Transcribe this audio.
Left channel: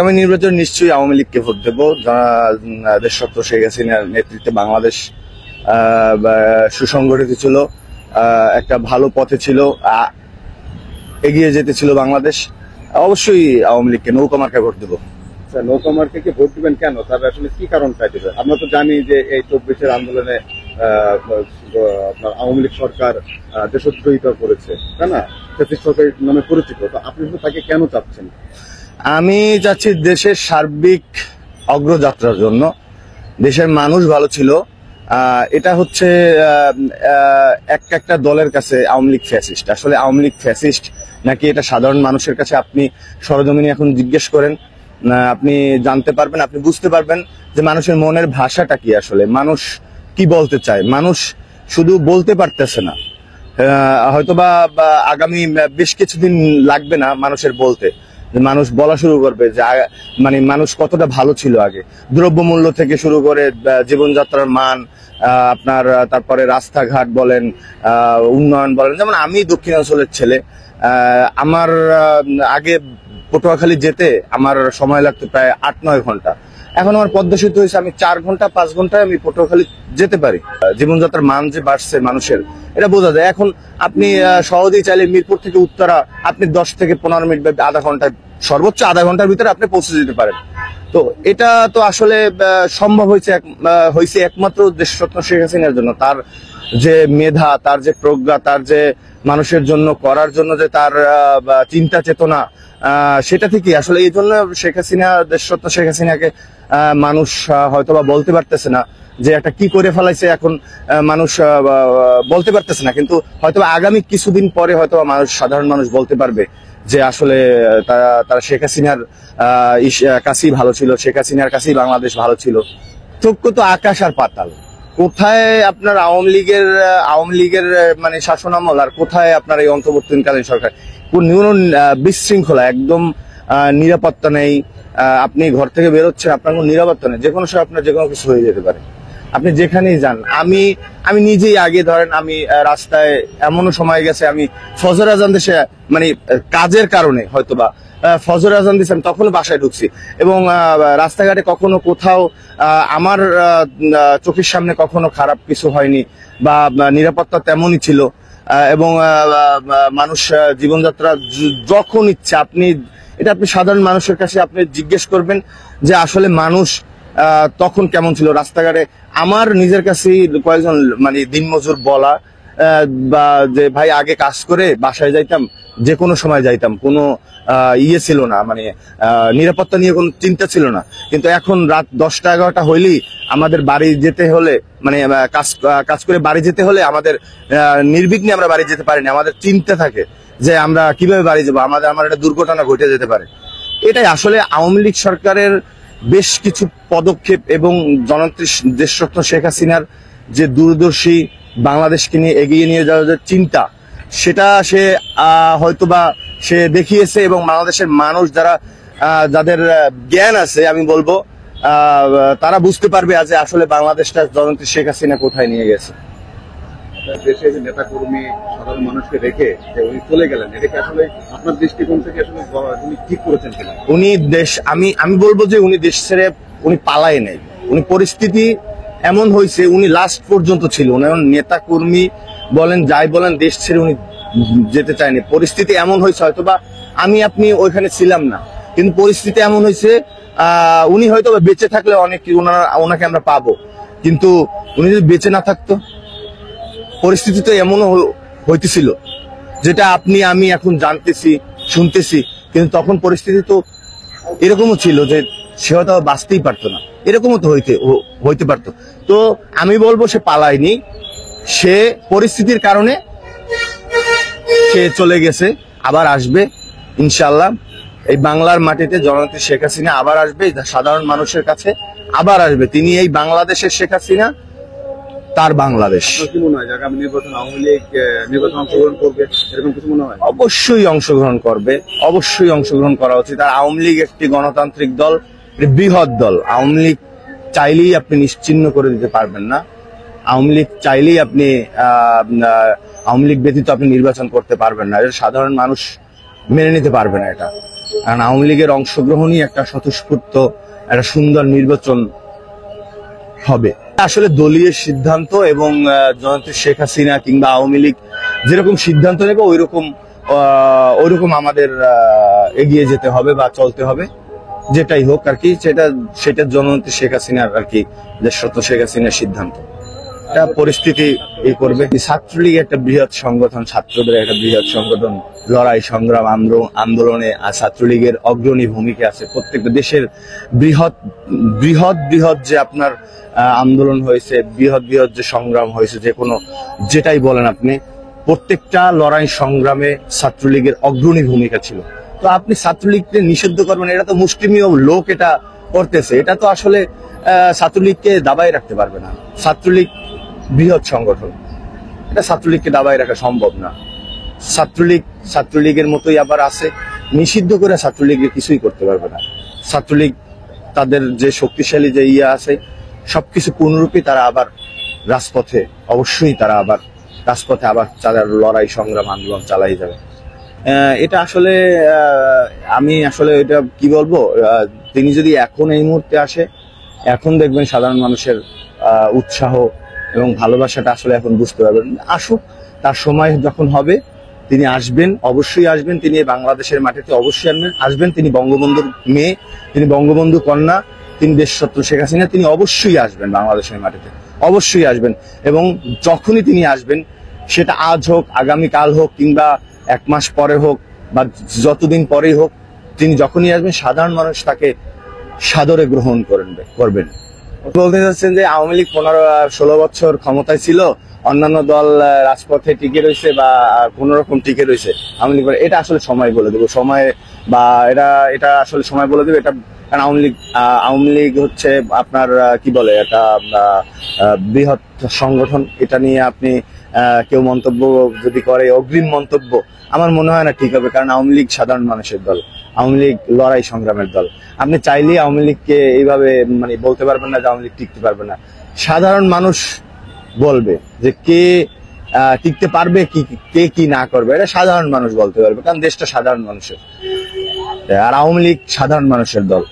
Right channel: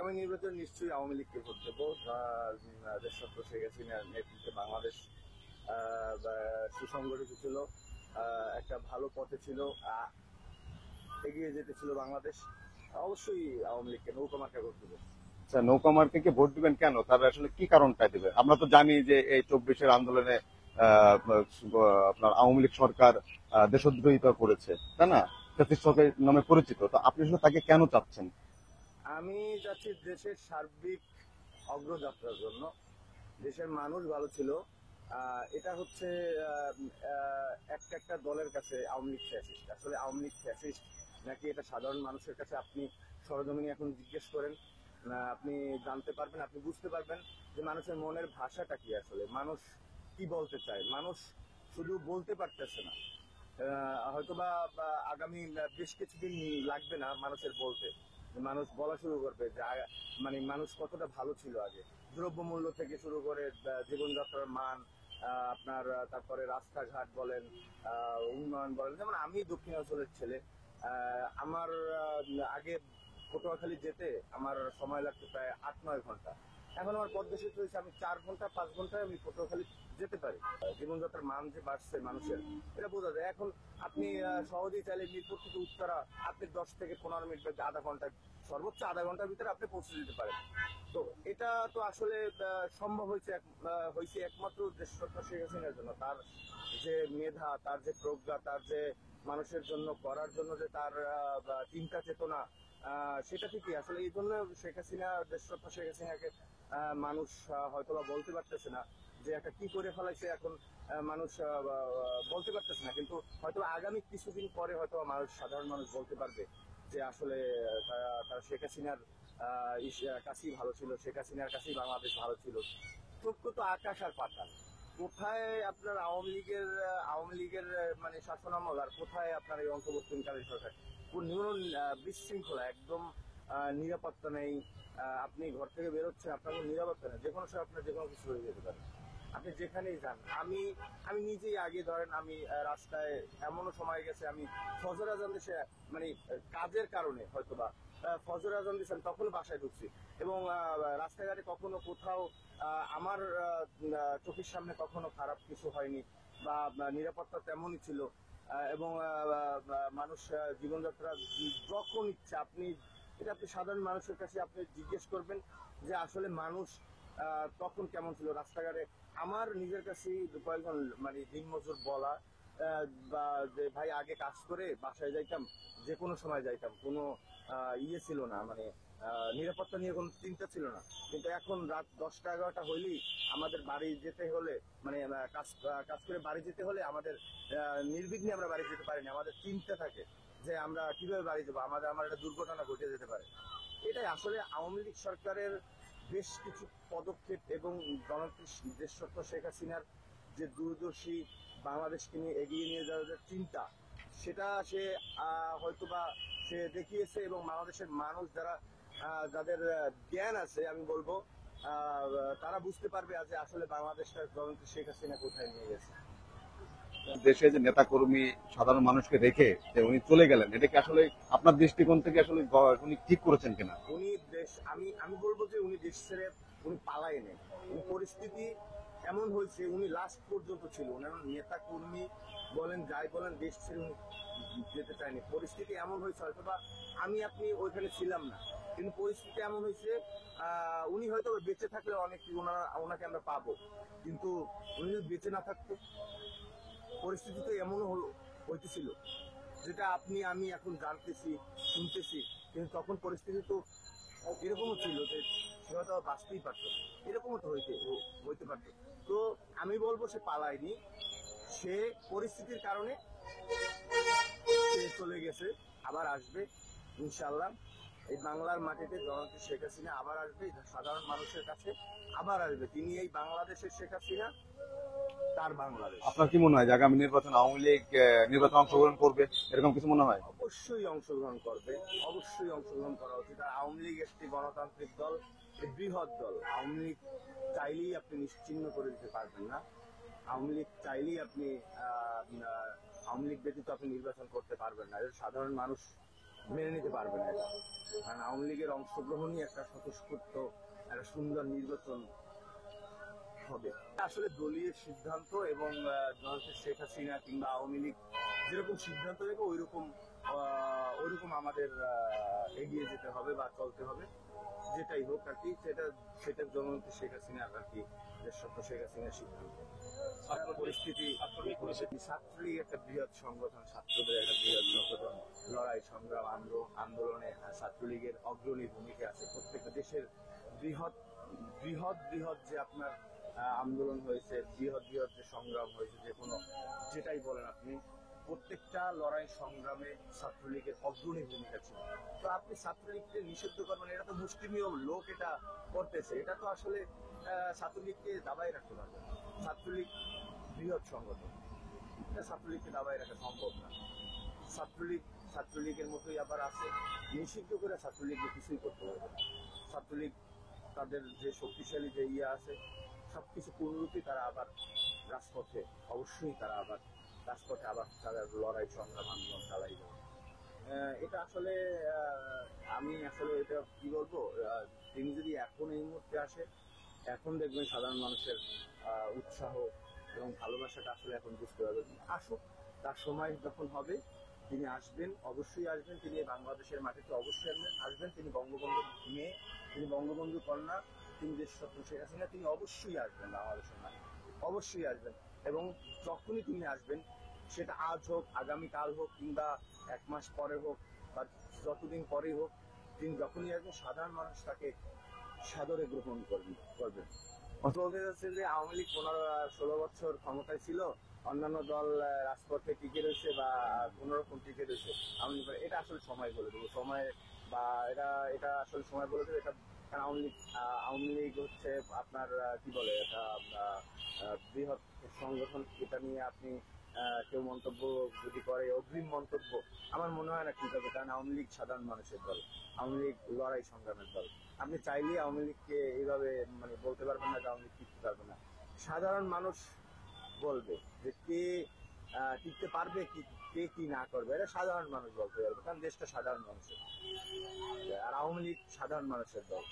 আগামী নির্বাচন নিশ্চয়ই আওয়ামী লীগকে ভোট দেবো। দেশরত্ন শেখ হাসিনার নেতৃত্বে বাংলাদেশ সুসংগঠিত ছিল, একটা ভালো পথে ছিল, এগিয়ে যেতে ছিল বাংলাদেশ। অবশ্যই আওয়ামী লীগকে, নৌকা মার্কায় ভোট দেবো। নৌকা মার্কাকে ভোট দিবেন কেন? তার আসলে কি কারণটা দিবেন? আমরা তো জানি যে এই 24-এর আন্দোলনে আপনার আওয়ামী লীগ সরকার দেশদ্রোহিতা করেছে, তাই না? ফ্যাসিস্ট সরকার নামে পরিচিত। তো আপনি তাকে কেন চাচ্ছেন? আমি চাচ্ছি দেশের সার্বিক অগ্রযাত্রার জন্য। দেশের মানুষ ভালো ছিল। এটা হচ্ছে একটা দলের কাছে আওয়ামী লীগ ফ্যাসিস্ট। আসলে আওয়ামী লীগ ফ্যাসিস্ট নাকি এটা সাধারণ মানুষের কাছে আপনি সরজমিনে এখন জিজ্ঞেস করেন, আপনি জানতে পারবেন, আপনি বুঝতে পারবেন যে মানুষের মনের ভাষাটা কি, আসলে মানুষ কি বলতে চায়। মানুষ শুধু বলতে পারতেছে না, হয়তোবা আগামী বেশ কিছুদিন লাগবে না মানুষের বলতে, মানুষ বলা শুরু করবে যে মানে মানুষ কতটা ভালো ছিল আগে, দ্রব্যমূল্য থেকে শুরু করে জীবনযাত্রার মান, আপনার তারপরে রাস্তাঘাট বলেন, উন্নয়ন বলেন। যেমন আমি দক্ষিণাঞ্চলের ছেলে, আমার আগে পটুয়াখালী যেতে আমার সময় লাগতো প্রায় 8-9 ঘন্টা। এখন আমার পদ্মা সেতু হয়েছে, আমি 4 ঘন্টা 5 ঘন্টায় আমি পটুয়াখালী যেতে পারি। জীবনযাত্রার মান যে বাড়ছে মানুষের, এটা বোঝা যায়। এখন আপনি সহজেই চাইলে মিরপুর থেকে উত্তরা আপনি 10 থেকে 15 মিনিট বা আধা ঘন্টায়, সর্বোচ্চ আধা ঘন্টার ভিতরে আপনি পৌঁছে যেতে পারেন। তো এটা তো আসলে সম্ভব হয়েছে একমাত্র দেশরত্ন শেখ হাসিনার জন্য। তার যে মেধা, তার যে প্রজ্ঞা, তার যে মানুষের জন্য করার জন্য যে তার চিন্তা চেতনা, সেটা থেকে আসলে এই জন্য দেশরত্ন শেখ হাসিনাকে মানুষ হয়তোবা বলতে পারতেছে না যে একটা কি করে ফেলাইছে, এখন মানুষ বলতে পারতেছে না। কিন্তু হয়তোবা আগামী কিছুদিন পরে হয়তোবা সাধারণ মানুষ বলতে পারবে যে আসলে তারা শেখ হাসিনার কাছেই ভালো ছিল, শেখ হাসিনার কাছেই বাংলাদেশ ভালো ছিল। চক্ষু তো আকাশ আর পাতাল। কোথায় আপনার আওয়ামী লীগের মানে শাসনামল, আর কোথায় আপনার এই অন্তর্বর্তীকালীন সরকার? বিশৃঙ্খলা, একদম নিরাপত্তা নেই। আপনি ঘর থেকে বেরোচ্ছেন, আপনার কোনো নিরাপত্তা নেই, যে কোনো সময় আপনার যে কোনো কিছু হয়ে যেতে পারে, আপনি যেখানেই যান। আমি নিজেই আগে ধরেন, আমি রাস্তায় এমনও সময় গেছে, আমি ফজর আজান দেশে মানে কাজের কারণে হয়তোবা ফজর আজান দিয়েছি, আমি তখনও বাসায় ঢুকছি। এবং রাস্তাঘাটে কখনো কোথাও আমার চোখের সামনে কখনো খারাপ কিছু হয়নি, বা নিরাপত্তা তেমনই ছিল। এবং মানুষ জীবনযাত্রা যখন ইচ্ছা আপনি সাধারণ মানুষের কাছে আপনি জিজ্ঞেস করবেন যে আসলে মানুষ তখন কেমন ছিল রাস্তাঘাটে। আমার নিজের কাছে কয়েকজন মানে দিনমজুর বলা, বা যে ভাই আগে কাজ করে বাসায় যাইতাম, যে কোনো সময় যাইতাম, কোনো ছিল না, মানে নিরাপত্তা নিয়ে কোনো চিন্তা ছিল না। কিন্তু এখন রাত 10টা-11টা হইলেই আমাদের বাড়ি যেতে হলে, মানে কাজ করে বাড়ি যেতে হলে আমাদের নির্বিঘ্নে আমরা বাড়ি যেতে পারি না। আমাদের চিন্তা থাকে যে আমরা কিভাবে বাড়ি যাবো, আমার একটা দুর্ঘটনা ঘটে যেতে পারে। এটাই আসলে আওয়ামী লীগ সরকারের বেশ কিছু পদক্ষেপ এবং জননেত্রী দেশরত্ন শেখ হাসিনার যে দূরদর্শী বাংলাদেশকে নিয়ে এগিয়ে নিয়ে যাওয়ার যে চিন্তা, সেটা সে হয়তোবা সে দেখিয়েছে। এবং বাংলাদেশের মানুষ যাদের জ্ঞান আছে, আমি বলবো তারা বুঝতে পারবে যে আসলে বাংলাদেশটা জননেত্রী শেখ হাসিনা কোথায় নিয়ে গেছে। দেশে যে নেতা কর্মী সাধারণ মানুষকে রেখে যে উনি চলে গেলেন, এটাকে আসলে আপনার দৃষ্টিকোণ থেকে আসলে উনি ঠিক করেছেন কিনা? আমি বলবো যে উনি দেশ ছেড়ে উনি পালায় নাই। উনি পরিস্থিতি এমন হয়েছে, উনি লাস্ট পর্যন্ত ছিল। উনি নেতা কর্মী বলেন, যাই বলেন, দেশ ছেড়ে উনি যেতে চায়নি। পরিস্থিতি এমন হয়েছে, হয়তোবা আপনি ওইখানে ছিলাম না, কিন্তু পরিস্থিতি এমন হয়েছে উনি হয়তো বেঁচে থাকলে অনেক ওনাকে আমরা পাবো, কিন্তু উনি যদি বেঁচে না থাকতো, পরিস্থিতি তো এমনও হইতেছিল যেটা আমি এখন জানতেছি, শুনতেছি। কিন্তু তখন পরিস্থিতি তো এরকমও ছিল যে সে হয়তো বাঁচতেই পারতো না, এরকমও তো হইতে পারতো। তো আমি বলবো সে পালায়নি, সে পরিস্থিতির কারণে সে চলে গেছে, আবার আসবে ইনশাল্লাহ। এই বাংলার মাটিতে জননেত্রী শেখ হাসিনা আবার আসবে, সাধারণ মানুষের কাছে আবার আসবে। তিনি এই বাংলাদেশের শেখ হাসিনা, তার বাংলাদেশ। কি মনে হয় আগামী নির্বাচন আওয়ামী লীগ নির্বাচন অংশগ্রহণ করবে, এরকম কিছু মনে হয়? অবশ্যই অংশগ্রহণ করবে, অবশ্যই অংশগ্রহণ করা উচিত। আর আওয়ামী লীগ একটি গণতান্ত্রিক দল, বৃহৎ দল। আওয়ামী লীগ চাইলেই আপনি নিশ্চিহ্ন করে দিতে পারবেন না। আওয়ামী লীগ চাইলেই আপনি আওয়ামী লীগ ব্যতীত আপনি নির্বাচন করতে পারবেন না। এটা সাধারণ মানুষ মেনে নিতে পারবে না এটা। কারণ আওয়ামী লীগের অংশগ্রহণই একটা স্বতঃস্ফূর্ত একটা সুন্দর নির্বাচন হবে। আসলে দলীয় সিদ্ধান্ত এবং জননেত্রী শেখ হাসিনা কিংবা আওয়ামী লীগ যেরকম সিদ্ধান্ত নেবে ওইরকম আমাদের এগিয়ে যেতে হবে বা চলতে হবে, যেটাই হোক আর কি। সেটা জননেত্রী শেখ হাসিনার আর কি, দেশরত্ন শেখ হাসিনার সিদ্ধান্ত। এটা পরিস্থিতি এই করবে। ছাত্রলীগ একটা বৃহৎ সংগঠন, ছাত্রদের একটা বৃহৎ সংগঠন, লড়াই সংগ্রাম আন্দোলনে ছাত্রলীগের অগ্রণী ভূমিকা আছে। প্রত্যেকটা দেশের বৃহৎ বৃহৎ বৃহৎ যে আপনার আন্দোলন হয়েছে, বৃহৎ বৃহৎ যে সংগ্রাম হয়েছে, যে কোনো যেটাই বলেন আপনি, প্রত্যেকটা লড়াই সংগ্রামে ছাত্রলীগের অগ্রণী ভূমিকা ছিল। তো আপনি ছাত্রলীগকে নিষিদ্ধ করবেন, এটা তো মুষ্টিমেয় লোক এটা করতেছে, এটা তো আসলে ছাত্রলীগকে দাবায় রাখতে পারবে না। ছাত্রলীগ বৃহৎ সংগঠন, এটা ছাত্রলীগকে দাবায় রাখা সম্ভব না। ছাত্রলীগের মতোই আবার আছে, নিষিদ্ধ করে ছাত্রলীগকে কিছুই করতে পারবে না। ছাত্রলীগ তাদের যে শক্তিশালী যে আছে সবকিছু পূর্ণরূপে তারা আবার রাজপথে, অবশ্যই তারা আবার রাজপথে আবার তাদের লড়াই সংগ্রাম আন্দোলন চালাই যাবে। এটা আসলে আমি আসলে এটা কি বলবো, তিনি যদি এখন এই মুহূর্তে আসে, এখন দেখবেন সাধারণ মানুষের উৎসাহ এবং ভালোবাসাটা আসলে এখন বুঝতে পারবেন। আসুক, তার সময় যখন হবে তিনি আসবেন, অবশ্যই আসবেন। তিনি বাংলাদেশের মাটিতে অবশ্যই আসবেন। তিনি বঙ্গবন্ধুর মেয়ে, তিনি বঙ্গবন্ধু কন্যা, তিনি দেশরত্ন শেখ হাসিনা, তিনি অবশ্যই আসবেন বাংলাদেশের মাটিতে, অবশ্যই আসবেন। এবং যখনই তিনি আসবেন, সেটা আজ হোক, আগামীকাল হোক, কিংবা 1 মাস পরে হোক, বা যতদিন পরেই হোক, তিনি যখনই আসবেন সাধারণ মানুষ তাকে সাদরে গ্রহণ করবেন। বলতে চাচ্ছেন যে আওয়ামী লীগ 15-16 বছর ক্ষমতায় ছিল, অন্যান্য দল রাজপথে টিকে রয়েছে বা কোন রকম টিকে রয়েছে, আওয়ামী লীগ এটা আসলে সময় বলে দেবো, সময় বা এটা আসলে সময় বলে দেবে। এটা কারণ আওয়ামী লীগ হচ্ছে আপনার কি বলে, একটা বৃহৎ সংগঠন। এটা নিয়ে আপনি কেউ মন্তব্য যদি করে, অগ্রিম মন্তব্য, আমার মনে হয় না ঠিক হবে। কারণ আওয়ামী লীগ সাধারণ মানুষের দল, আওয়ামী লীগ লড়াই সংগ্রামের দল। আপনি চাইলেই আওয়ামী লীগকে এইভাবে বলতে পারবেন না যে আওয়ামী লীগ টিকতে পারবে না। সাধারণ মানুষ বলবে যে কে টিকতে পারবে, কে কি না করবে, এটা সাধারণ মানুষ বলতে পারবে। কারণ দেশটা সাধারণ মানুষের, আর আওয়ামী লীগ সাধারণ মানুষের দল।